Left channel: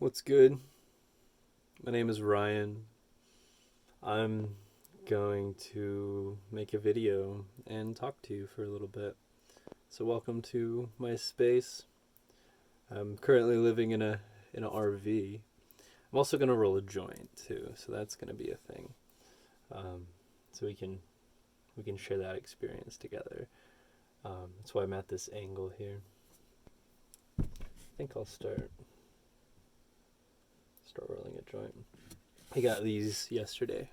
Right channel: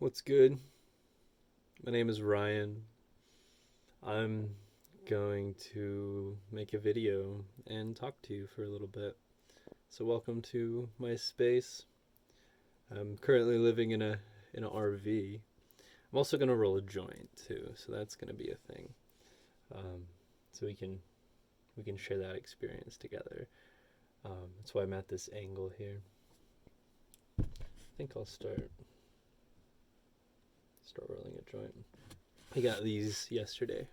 What's good? My name is Ryan. I'm going to make a video and talk to you for a little bit. So welcome to my space. I'm currently living in an RV. I'm also going to roll a joint too, so that's going to be a thing. Um, so we can share that experience together. That's why I'm at this angle here. I think I'll start rolling a joint. I got these yesterday.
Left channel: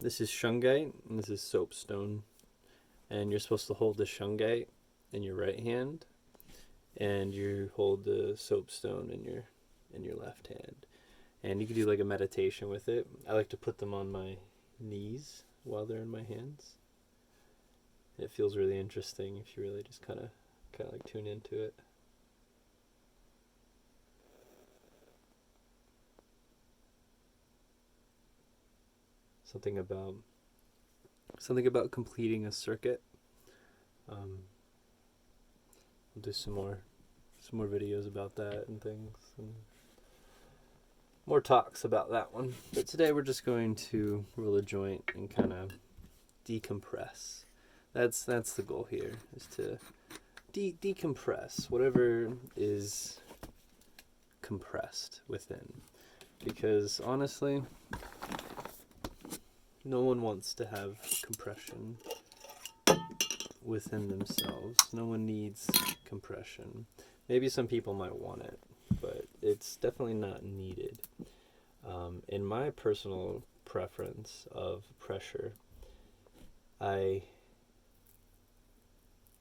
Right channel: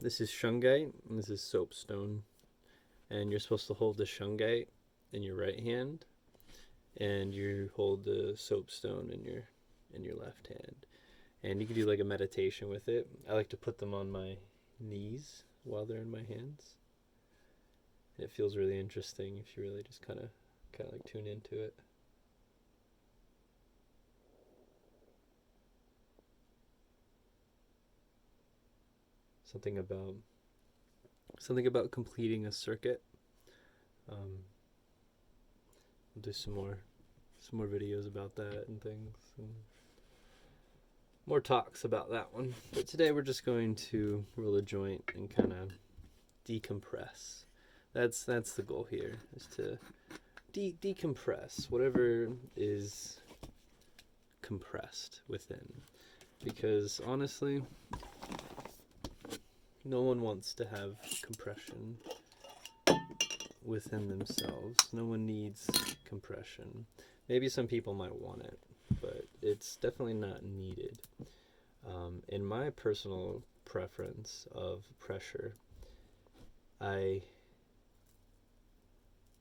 This is shungite and this is soapstone. And you're supposed to hold the shungite in your right hand, and you hold the soapstone in your left hand. And you can do like a meditation with it. I like to put them on my knees while they're in my hands. It feels really interesting if you really just kind of like tune into it. Something about something about completing a circuit. Um, we'll do some more videos about that and things, and more talks about that one. But today we're just going to roll a joint and kind of decompress. That's the goal here, is to decompress whatever is compressed within. Because honestly, no one wants to have compression within themselves. No one needs compression. Maybe some people might want it, but it's definitely not needed. In my personal preference of pressure, I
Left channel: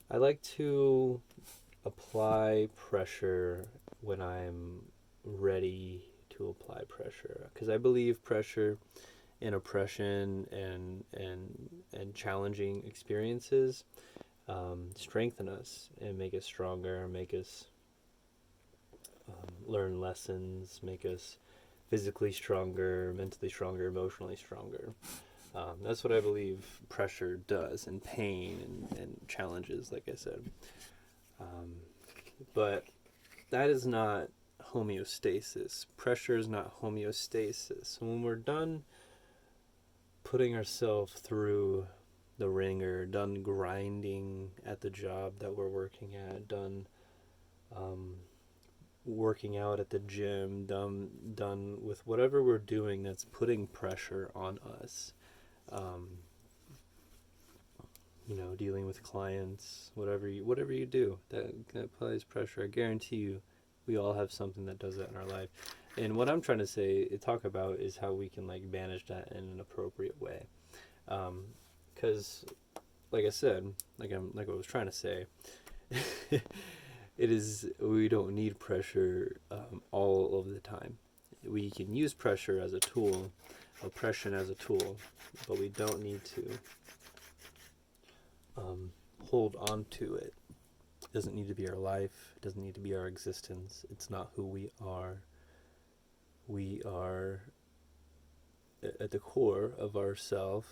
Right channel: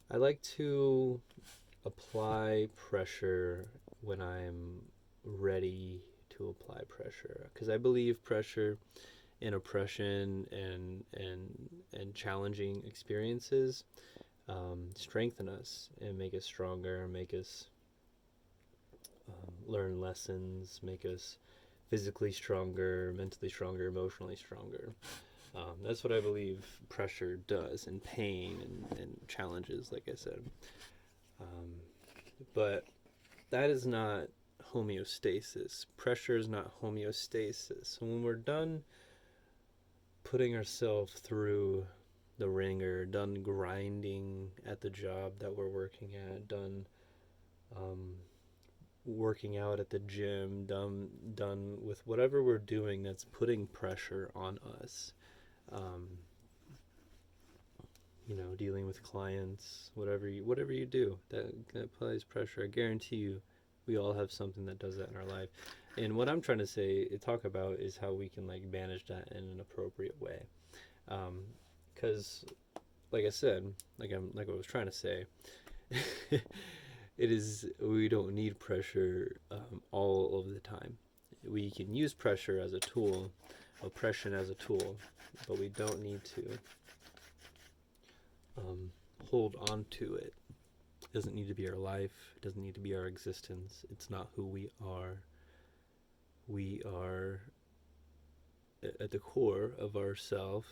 I like to apply pressure when I'm ready to apply pressure, because I believe pressure and oppression and challenging experiences strengthen us and make us stronger, make us learn lessons, make us physically stronger, mentally stronger, emotionally stronger. That's what I believe pressure does, and pain and challenges, like I said. Um, but that is not homeostasis. Pressure is not homeostasis. So when we're done putting ourselves through the ringer, done grinding at the job that we're working at, done um, working out at the gym, done with whatever we're doing that's putting pressure on us. Um, dealing with clients, whatever you do that applies pressure. I guarantee you, we all have something that does that in our life. And what I'm trying to talk about, is how we can like manage that in an appropriate way. Because, like I said, like I was trying to say, it is we don't need pressure all of the time. We can use pressure as a tool, oppression as a tool, but we don't need to um, hold on to it. It doesn't need to be our life. It doesn't need to be our existence. It's not who we are. We are at the core of ourself.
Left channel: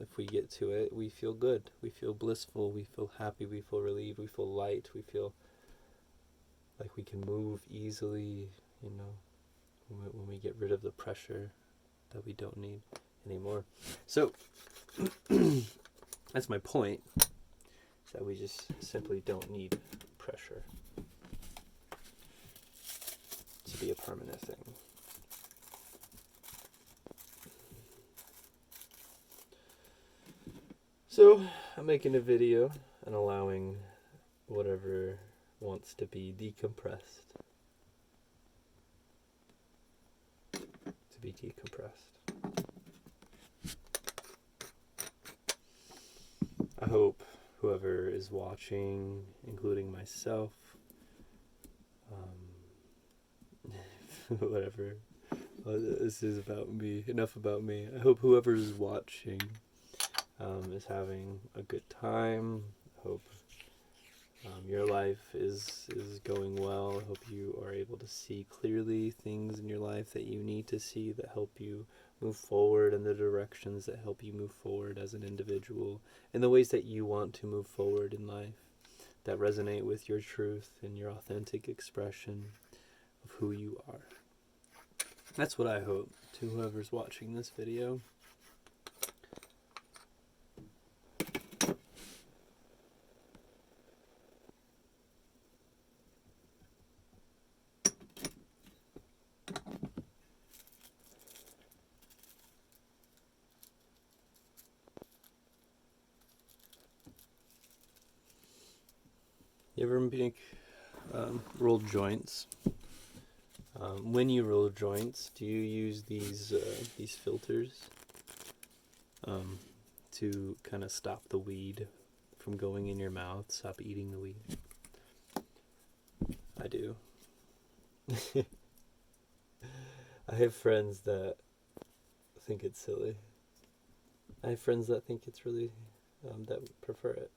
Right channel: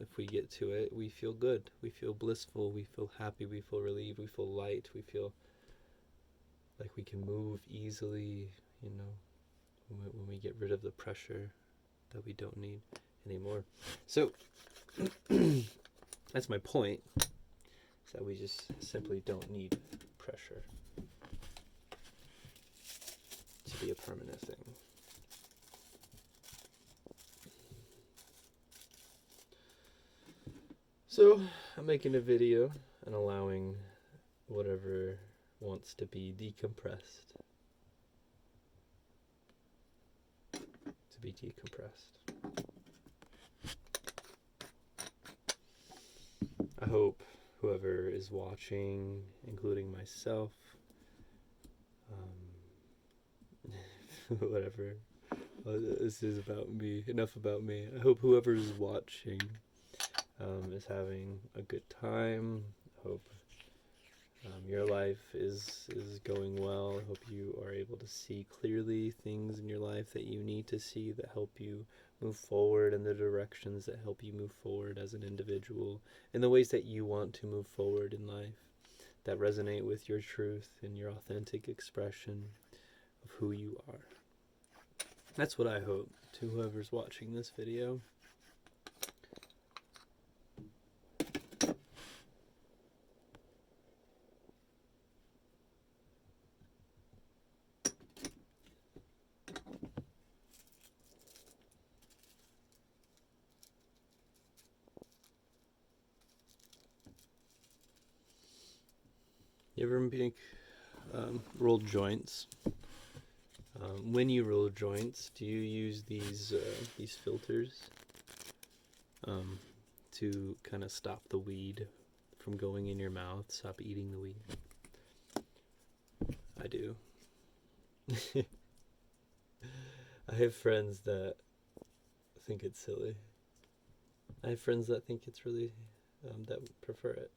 If we get to it, we feel good. We feel blissful. We feel happy. We feel relieved. We feel light. We feel like we can move easily. You know, when we get rid of the pressure that we don't need anymore. So that's my point. Is that we just simply don't need pressure to be a permanent thing. So I'm making a video and allowing whatever wants to be decompressed to be decompressed. I hope whoever is watching, including myself, whatever. This is about me. Enough about me. I hope whoever is watching is having a good time. I hope your life is going well. I hope you are able to see clearly things in your life that you need to see, that help you move forward in the directions that help you move forward as an individual, in the ways that you want to move forward in life, that resonate with your truth and your authentic expression of who you are. That's what I hope to whoever's watching this video. You ever make rolled joints? When you roll joints, do you use these filters to kind of stop the weed from going in your mouth, stop eating the weed? I do. I have friends that think it's silly. I have friends that think it's really, that prefer it.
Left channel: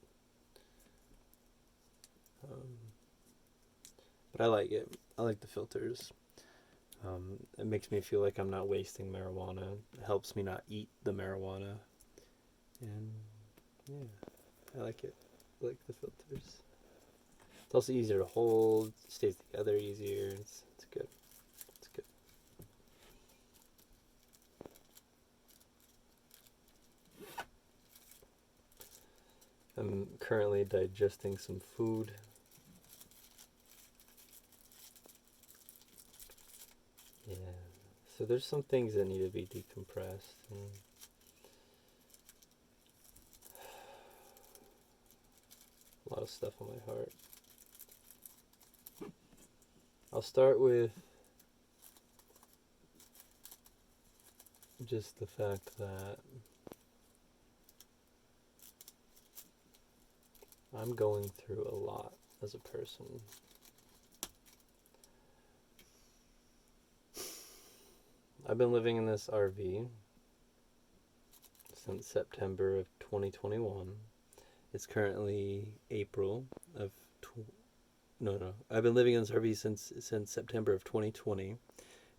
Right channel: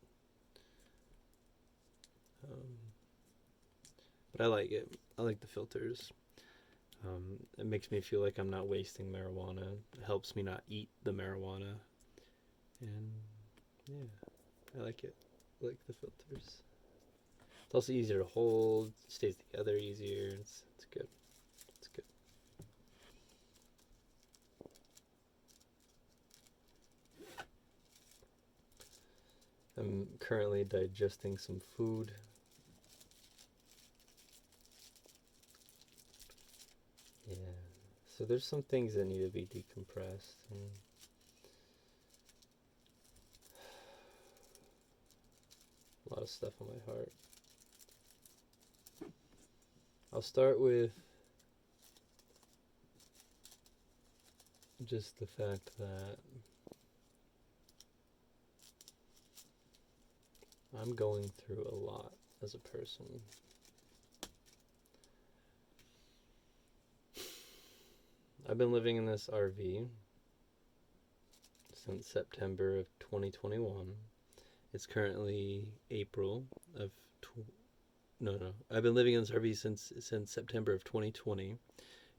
But I like it. I like the filters. It makes me feel like I'm not wasting marijuana. It helps me not eat the marijuana. And yeah, I like it. I like the filters. It's also easier to hold, stays together easier. It's good. It's good. I'm currently digesting some food. Yeah. So there's some things that need to be decompressed. A lot of stuff on my heart. I'll start with just the fact that I'm going through a lot as a person. I've been living in this RV since September of 2021. It's currently April of I've been living in this RV since September of 2020.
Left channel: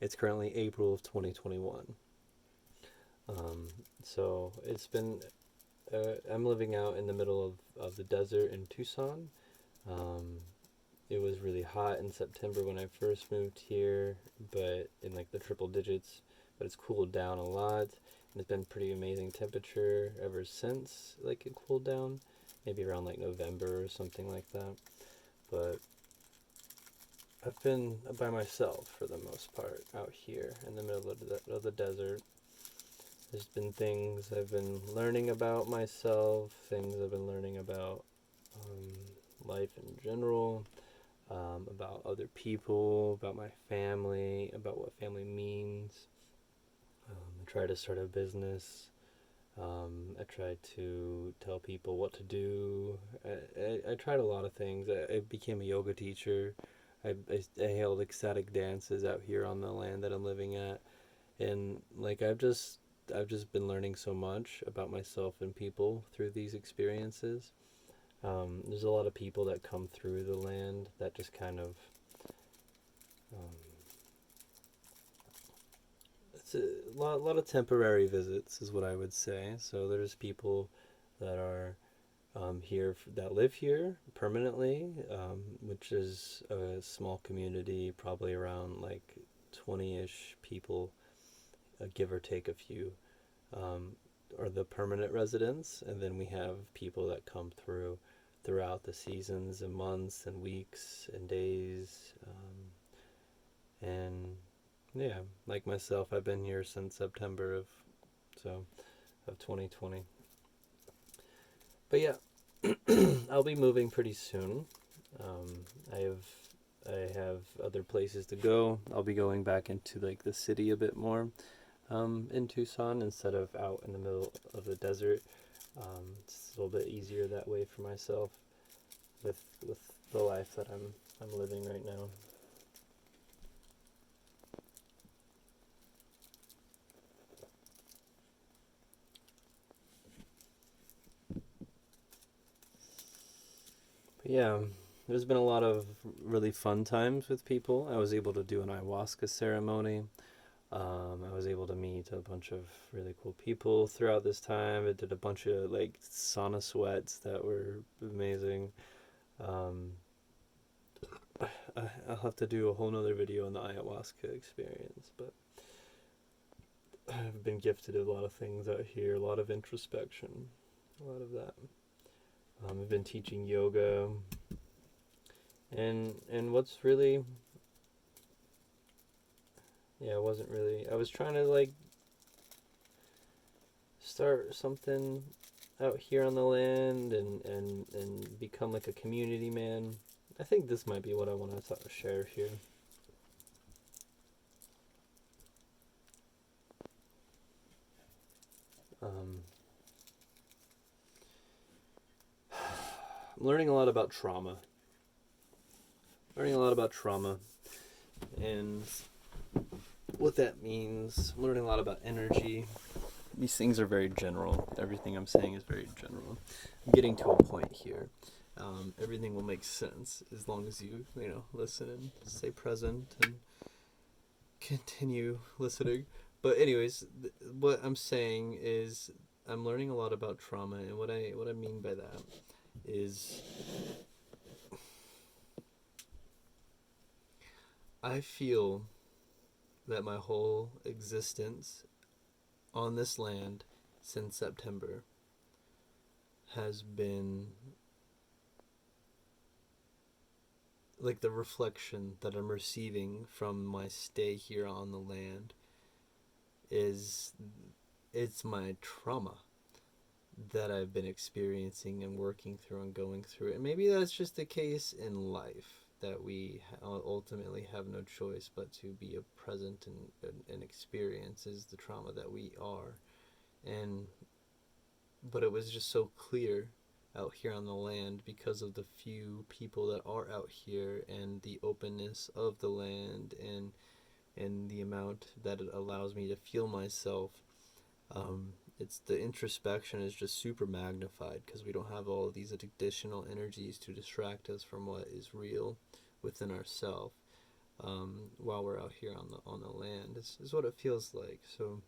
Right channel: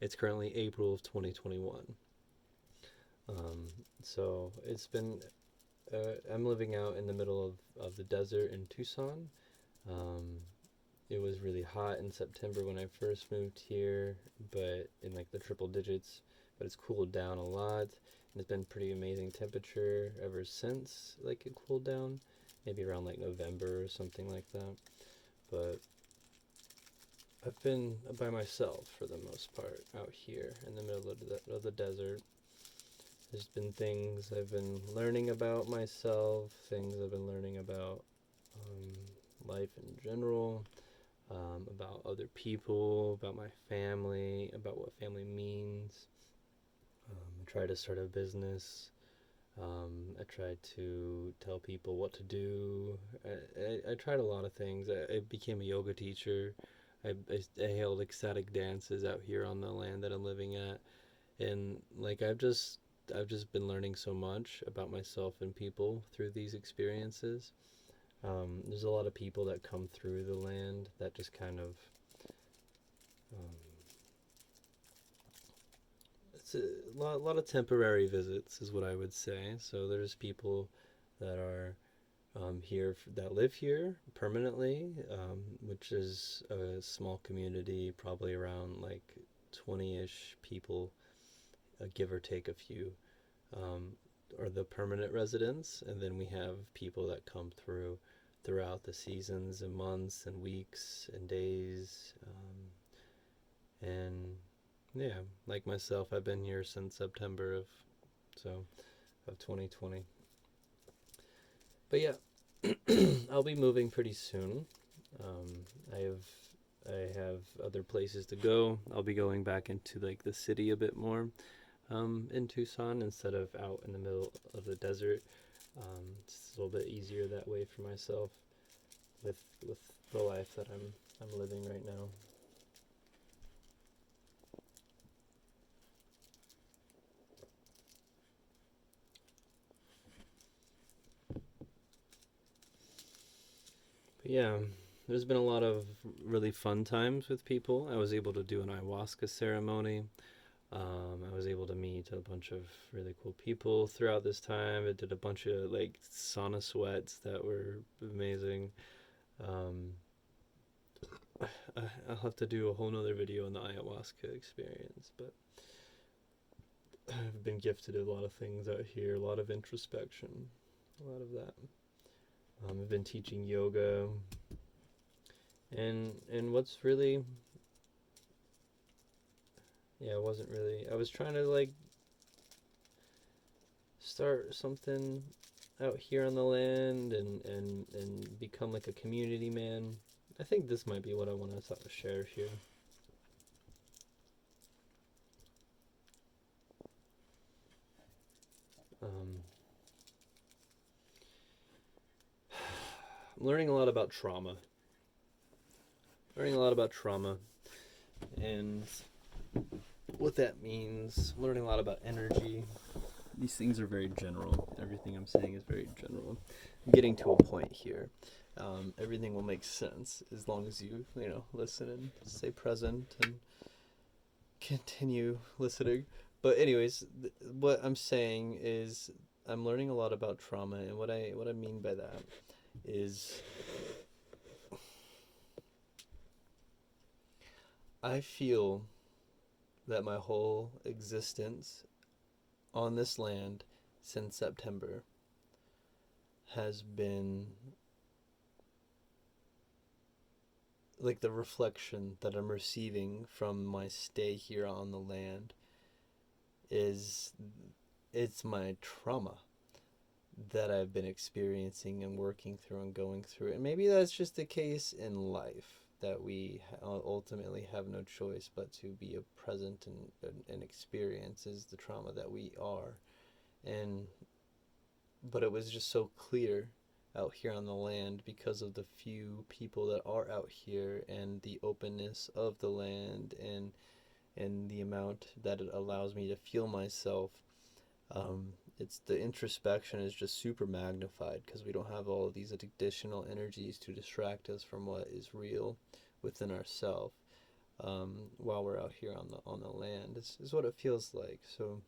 It's currently April of 2021. So it's been I'm living out in the middle of the desert in Tucson. It was really hot in September when I first moved here, but in like the triple digits, but it's cooled down a lot, and it's been pretty amazing temperature ever since like it cooled down, maybe around like November or something like that. But I've been by myself for the most part out here in the middle of the desert. There's been things I've been learning about myself, things I've been learning about life in general, about other people, about my family, about what family means. I tried to start a business. I tried to tell people what to do. I tried a lot of things. I became a yoga teacher. I held ecstatic dances out here on the land that I'm living at. And like I've just been learning so much about myself and people through these experiences. There's a lot of people that come through the land that just kind of it's a lot of temporary visits is what I would say. So there's people that are here that live here permanently, which is a small community, probably around like 20-ish people, give or take a few, are the permanent residents, and then we have people that come throughout the seasons and months and weeks and days, and yeah, like myself, I've been here since September of 2020. But yeah, I'll be moving pretty soon. I have other places to go. I'll be going back into like the city a bit more, in Tucson instead of out in the middle of the desert. It's a little bit easier that way for myself with the life that I'm living right now. But yeah, there's been a lot of really fun times with people. I was able to do an ayahuasca ceremony. I was able to meet a bunch of really cool people throughout this time. I did a bunch of like sauna sweats that were amazing. I'll have to do a whole nother video on the ayahuasca experience, but I've been gifted a lot of things out here, a lot of introspection, a lot of that. I've been teaching yoga, and what's really, yeah, it wasn't really, I was trying to like start something out here on the land and become like a community man. I think this might be what I want to share here. I'm learning a lot about trauma. And what that means. I'm learning a lot about energy. These things are very general. Everything I'm saying is very general. I'm getting to a point here. Everything will make sense as long as you listen and stay present and continue listening. But anyways, what I'm saying is I'm learning a lot about trauma, and what I mean by that is I feel that my whole existence on this land since September has been like the reflection that I'm receiving from my stay here on the land it's my trauma that I've been experiencing and working through and going through. And maybe that's just the case in life, that we ultimately have no choice but to be present and experience is the trauma that we are. But it was just so clear out here on the land because of the few people that are out here and the openness of the land and the amount that it allows me to feel myself. It's the introspection is just super magnified because we don't have all of these additional energies to distract us from what is real within ourselves while we're out here on the land. Is what it feels like. So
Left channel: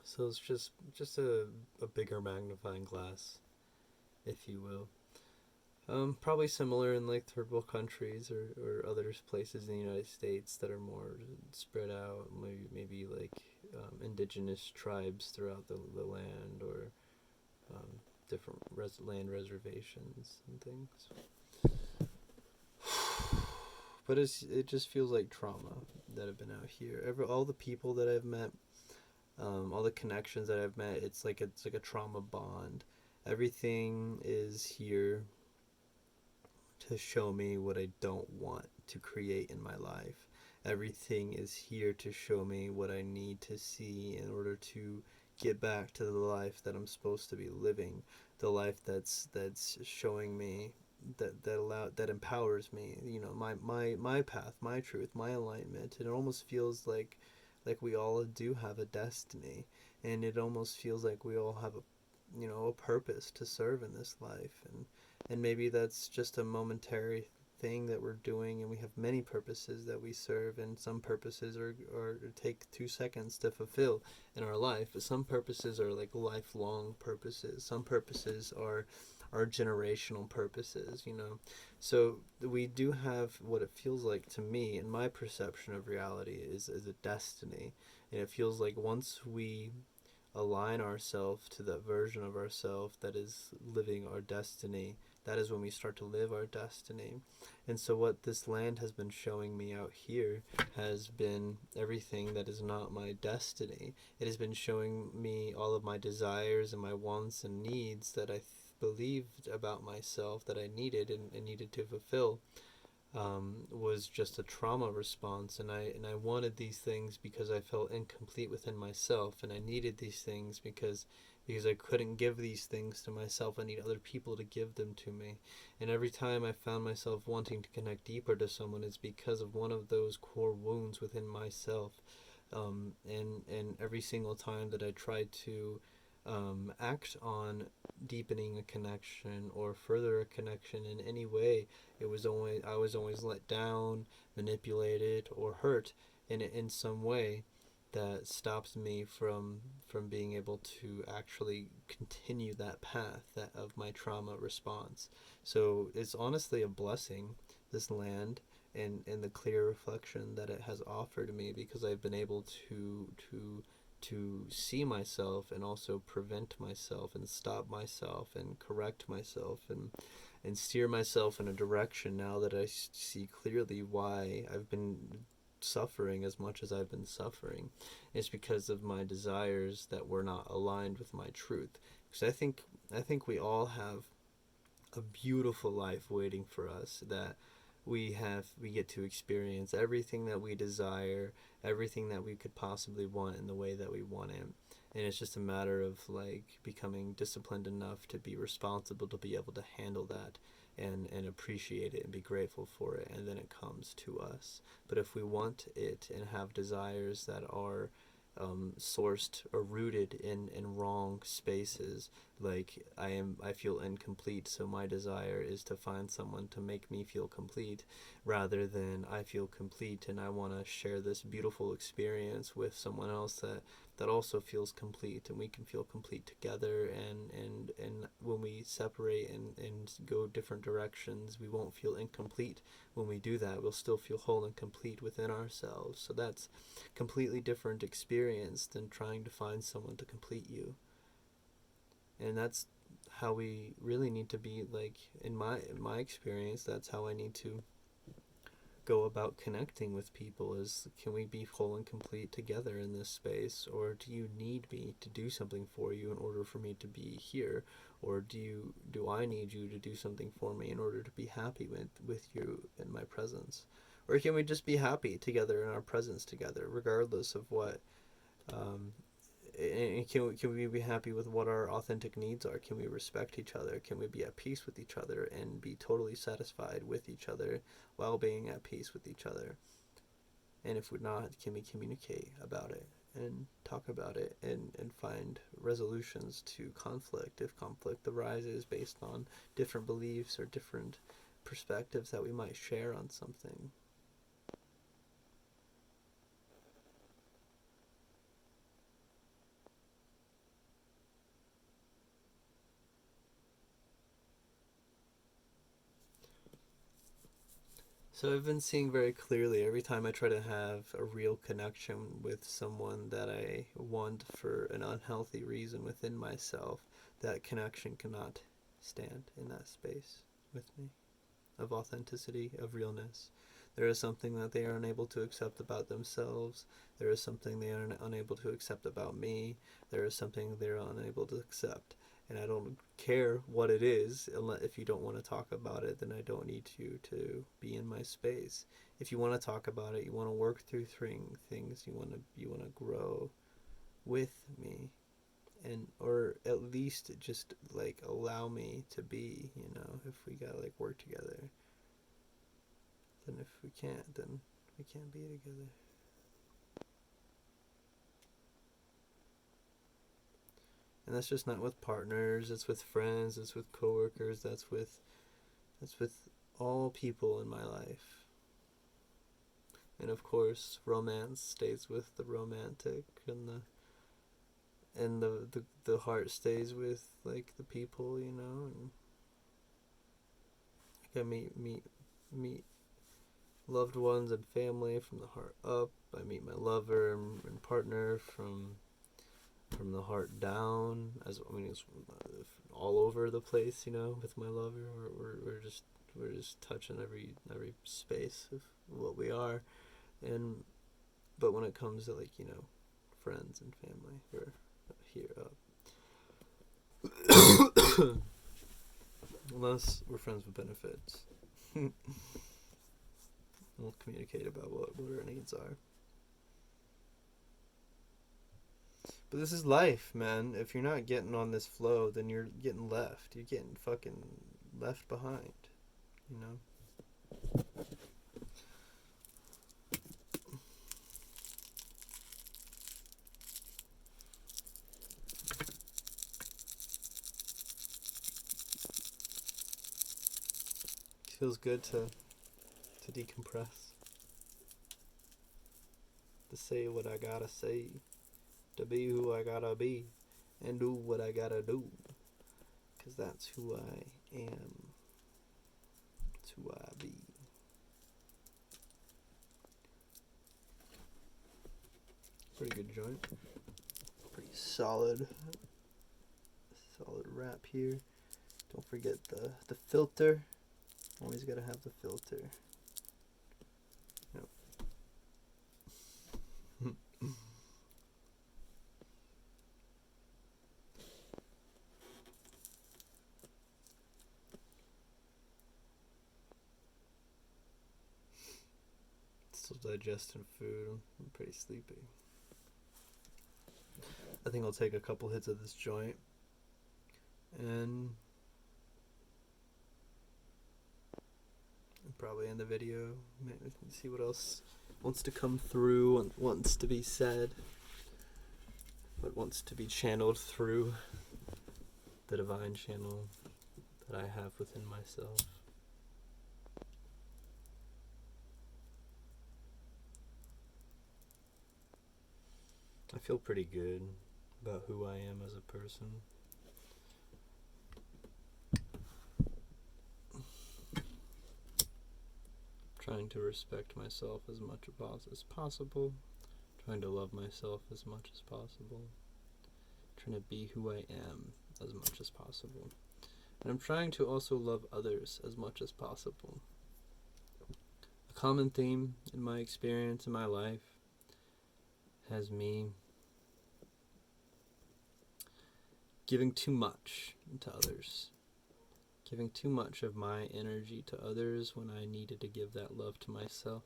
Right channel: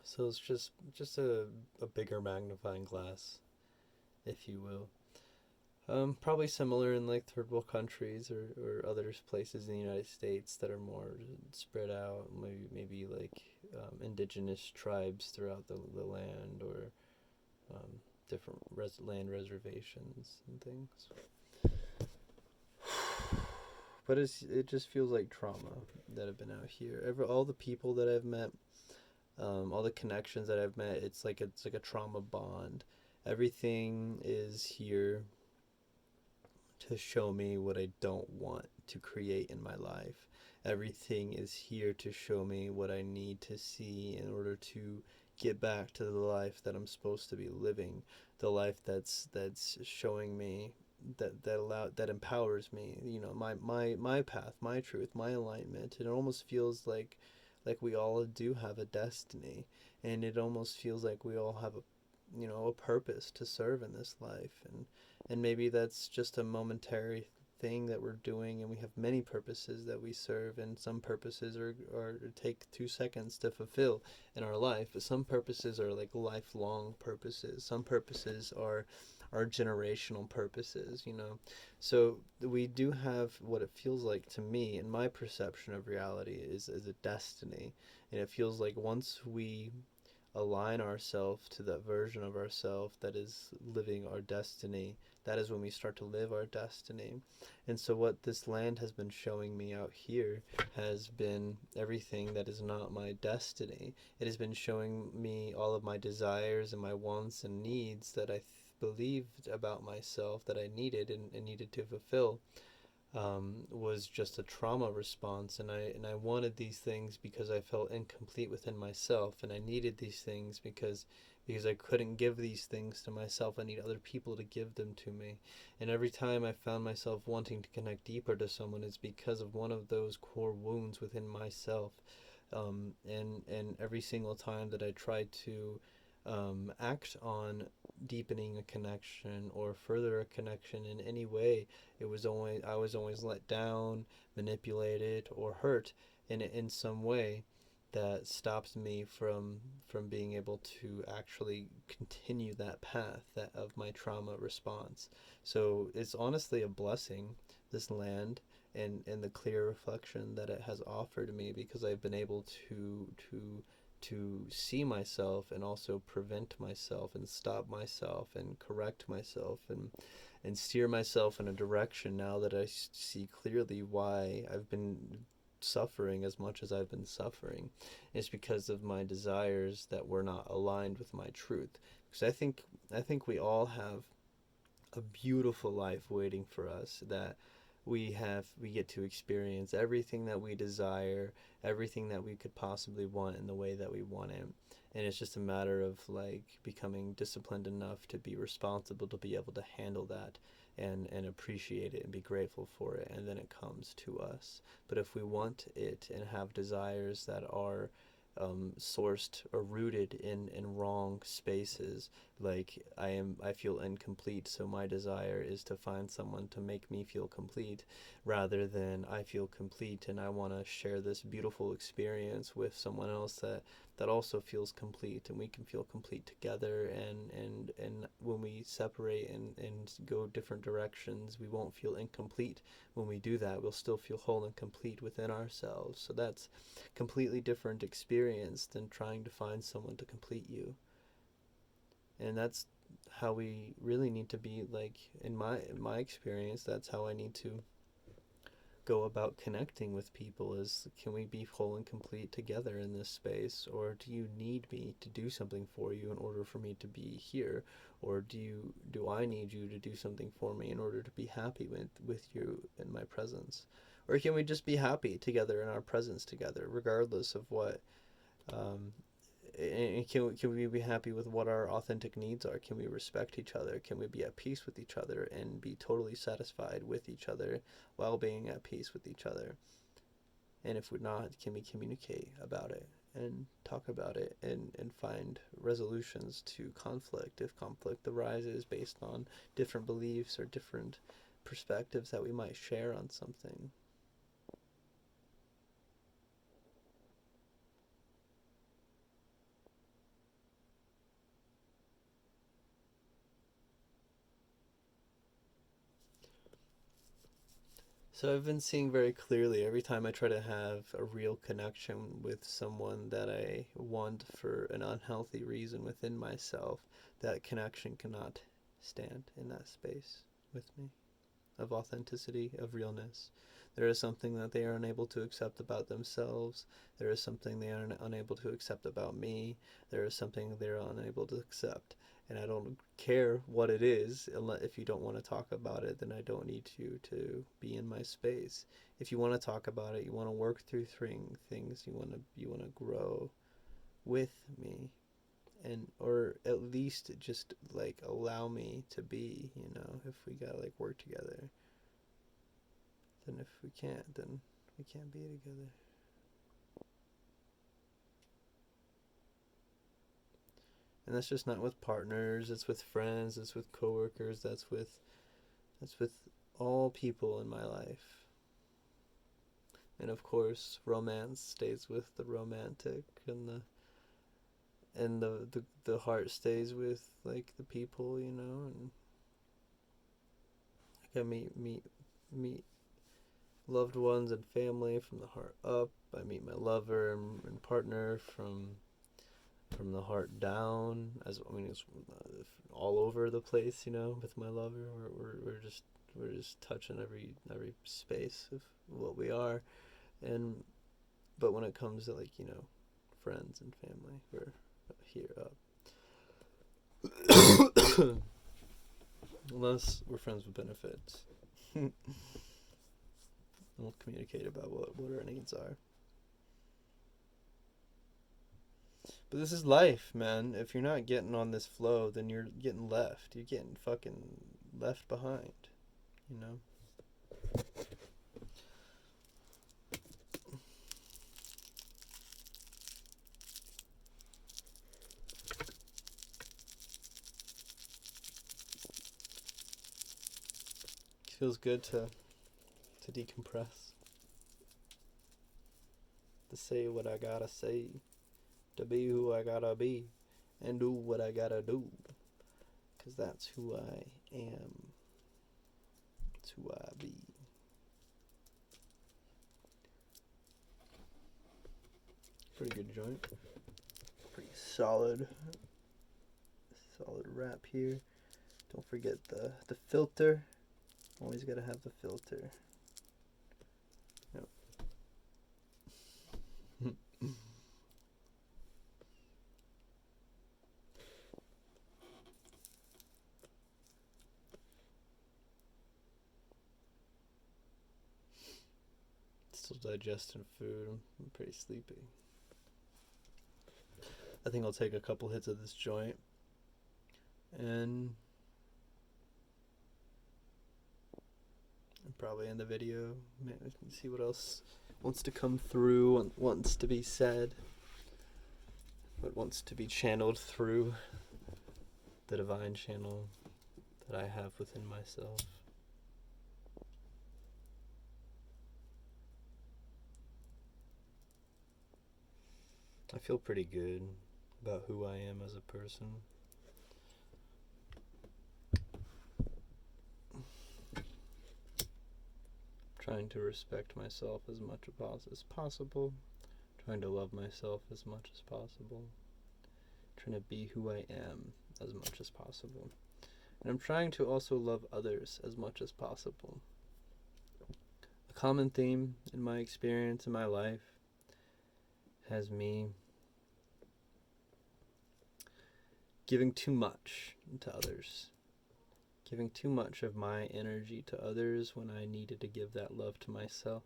it's just a bigger magnifying glass, if you will. Probably similar in like third world countries or other places in the United States that are more spread out, maybe like indigenous tribes throughout the land, or different land reservations and things. But it just feels like trauma that have been out here. All the people that I've met, all the connections that I've met, it's like a trauma bond. Everything is here to show me what I don't want to create in my life. Everything is here to show me what I need to see in order to get back to the life that I'm supposed to be living, the life that's showing me that empowers me, my path, my truth, my alignment. And it almost feels like we all do have a destiny, and it almost feels like we all have a purpose to serve in this life. And maybe that's just a momentary thing that we're doing, and we have many purposes that we serve, and some purposes are take 2 seconds to fulfill in our life, but some purposes are like lifelong purposes. Some purposes are generational purposes, So we do have what it feels like to me, in my perception of reality, is a destiny. And it feels like once we align ourselves to that version of ourselves that is living our destiny, that is when we start to live our destiny. And so what this land has been showing me out here has been everything that is not my destiny. It has been showing me all of my desires and my wants and needs that I believed about myself that I needed and needed to fulfill. Was just a trauma response, and I wanted these things because I felt incomplete within myself, and I needed these things because I couldn't give these things to myself. I need other people to give them to me. And every time I found myself wanting to connect deeper to someone, it's because of one of those core wounds within myself. And every single time that I tried to act on deepening a connection or further a connection in any way, I was always let down, manipulated, or hurt in some way that stops me from being able to actually continue that path of my trauma response. So it's honestly a blessing this land, and the clear reflection that it has offered me, because I've been able to see myself and also prevent myself and stop myself and correct myself and steer myself in a direction now that I see clearly why I've been suffering as much as I've been suffering. It's because of my desires that were not aligned with my truth. Because I think we all have a beautiful life waiting for us, that we get to experience everything that we desire, everything that we could possibly want in the way that we want it. And it's just a matter of like becoming disciplined enough to be responsible to be able to handle that and appreciate it and be grateful for it, and then it comes to us. But if we want it and have desires that are sourced or rooted in wrong spaces, like I feel incomplete, so my desire is to find someone to make me feel complete, rather than I feel complete and I want to share this beautiful experience with someone else that also feels complete, and we can feel complete together. And when we separate and go different directions, we won't feel incomplete. When we do that, we'll still feel whole and complete within ourselves. So that's completely different experience than trying to find someone to complete you. And that's how we really need to be. Like in my experience, that's how I need to go about connecting with people, is can we be whole and complete together in this space, or do you need me to do something for you in order for me to be here, or do I need you to do something for me in order to be happy with you in my presence? Or can we just be happy together in our presence together, regardless of what and can we be happy with what our authentic needs are? Can we respect each other? Can we be at peace with each other and be totally satisfied with each other while being at peace with each other? And if we're not, can we communicate about it and talk about it and find resolutions to conflict if conflict arises based on different beliefs or different perspectives that we might share on something? So I've been seeing very clearly, every time I try to have a real connection with someone that I want for an unhealthy reason within myself, that connection cannot stand in that space with me of authenticity, of realness. There is something that they are unable to accept about themselves. There is something they are unable to accept about me. There is something they're unable to accept. And I don't care what it is. If you don't want to talk about it, then I don't need you to be in my space. If you want to talk about it, you want to work through things, you want to grow with me, and or at least just like allow me to be, if we gotta like work together. Then if we can't, then we can't be together. And that's just not with partners, it's with friends, it's with coworkers, that's with all people in my life. And of course, romance stays with the romantic, and the heart stays with like the people, and I can meet loved ones and family from the heart up. I meet my lover and partner from the heart down. It's all over the place, with my lover. We're just touching every space of what we are, but when it comes to like friends and family, we're here up. Unless we're friends with benefits. We'll communicate about what our needs are. But this is life, man. If you're not getting on this flow, then you're getting left. You're getting fucking left behind, you know? It feels good to decompress. To say what I gotta say. To be who I gotta be. And do what I gotta do. Because that's who I am. It's who I be. Pretty good joint. Pretty solid wrap here. Don't forget the filter. Always gotta have the filter. Yep. Still digesting food. I'm pretty sleepy. I think I'll take a couple hits of this joint and probably end the video. Maybe see what else wants to come through, wants to be said, what wants to be channeled through the divine channel that I have within myself. I feel pretty good about who I am as a person. Trying to respect myself as much as possible. Trying to love myself as much as possible. Trying to be who I am as much as possible. And I'm trying to also love others as much as possible. A common theme in my experience in my life has me giving too much to others. Giving too much of my energy to others when I needed to give that love to myself.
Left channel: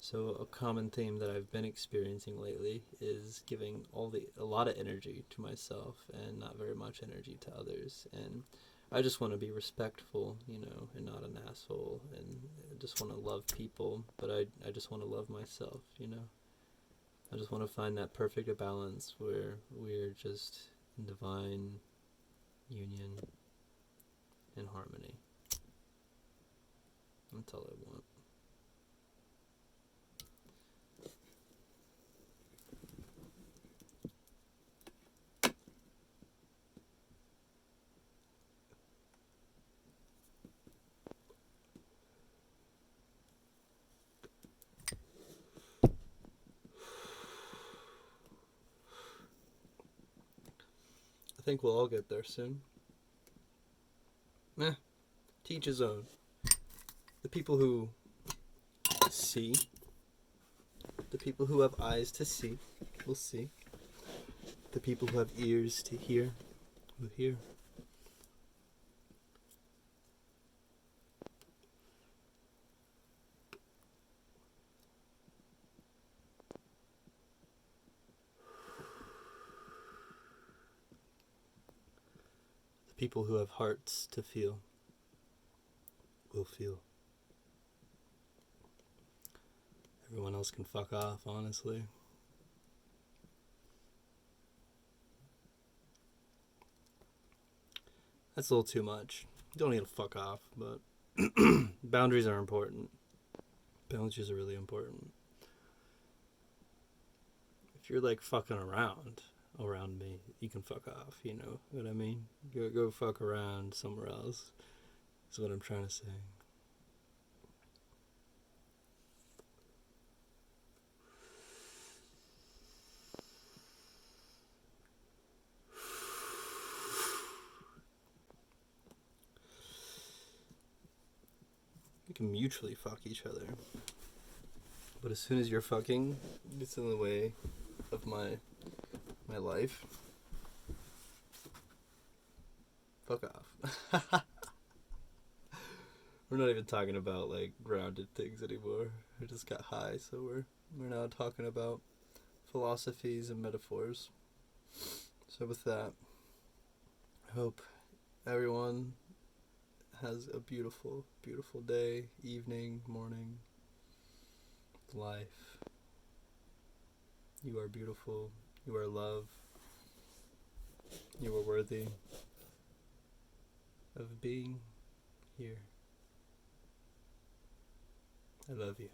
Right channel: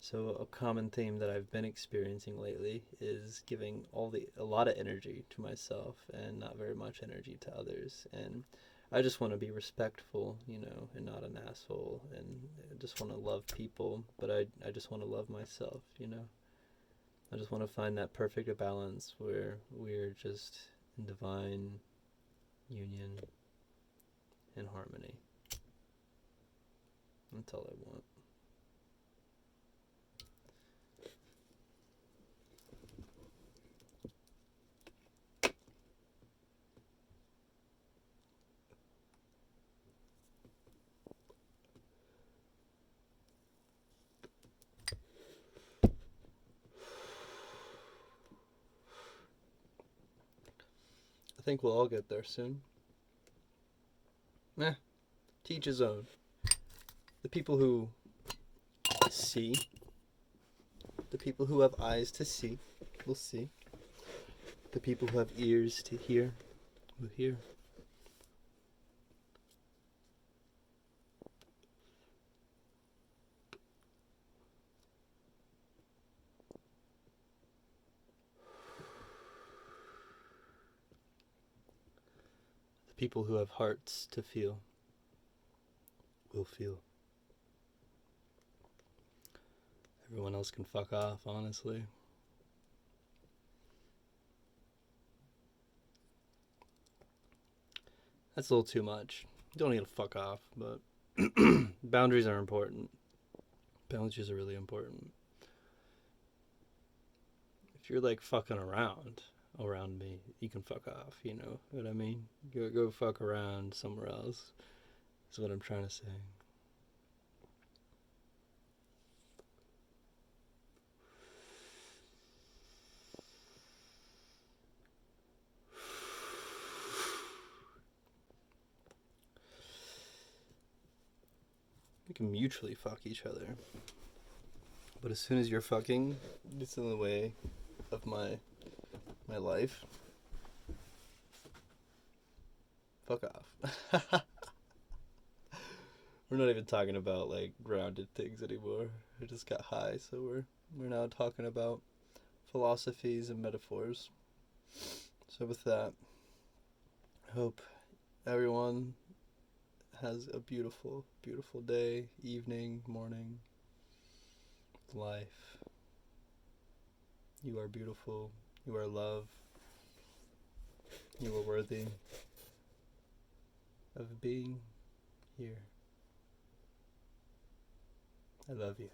So a common theme that I've been experiencing lately is giving a lot of energy to myself and not very much energy to others. And I just want to be respectful, and not an asshole. And I just want to love people, but I just want to love myself, I just want to find that perfect balance where we're just in divine union and harmony. That's all I want. I think we'll all get there soon. To each his own. The people who see, the people who have eyes to see, will see. The people who have ears to hear, will hear. The people who have hearts to feel, will feel. Everyone else can fuck off, honestly. That's a little too much. You don't need to fuck off, but boundaries are important. Boundaries are really important. If you're like fucking around me, you can fuck off, you know what I mean? Go fuck around somewhere else, is what I'm trying to say. We can mutually fuck each other. But as soon as you're fucking, it's in the way of my life. Fuck off. We're not even talking about like grounded things anymore. We just got high, so we're now talking about philosophies and metaphors. So with that, I hope everyone has a beautiful, beautiful day, evening, morning, life. You are beautiful. You are love. You are worthy of being here. I love you.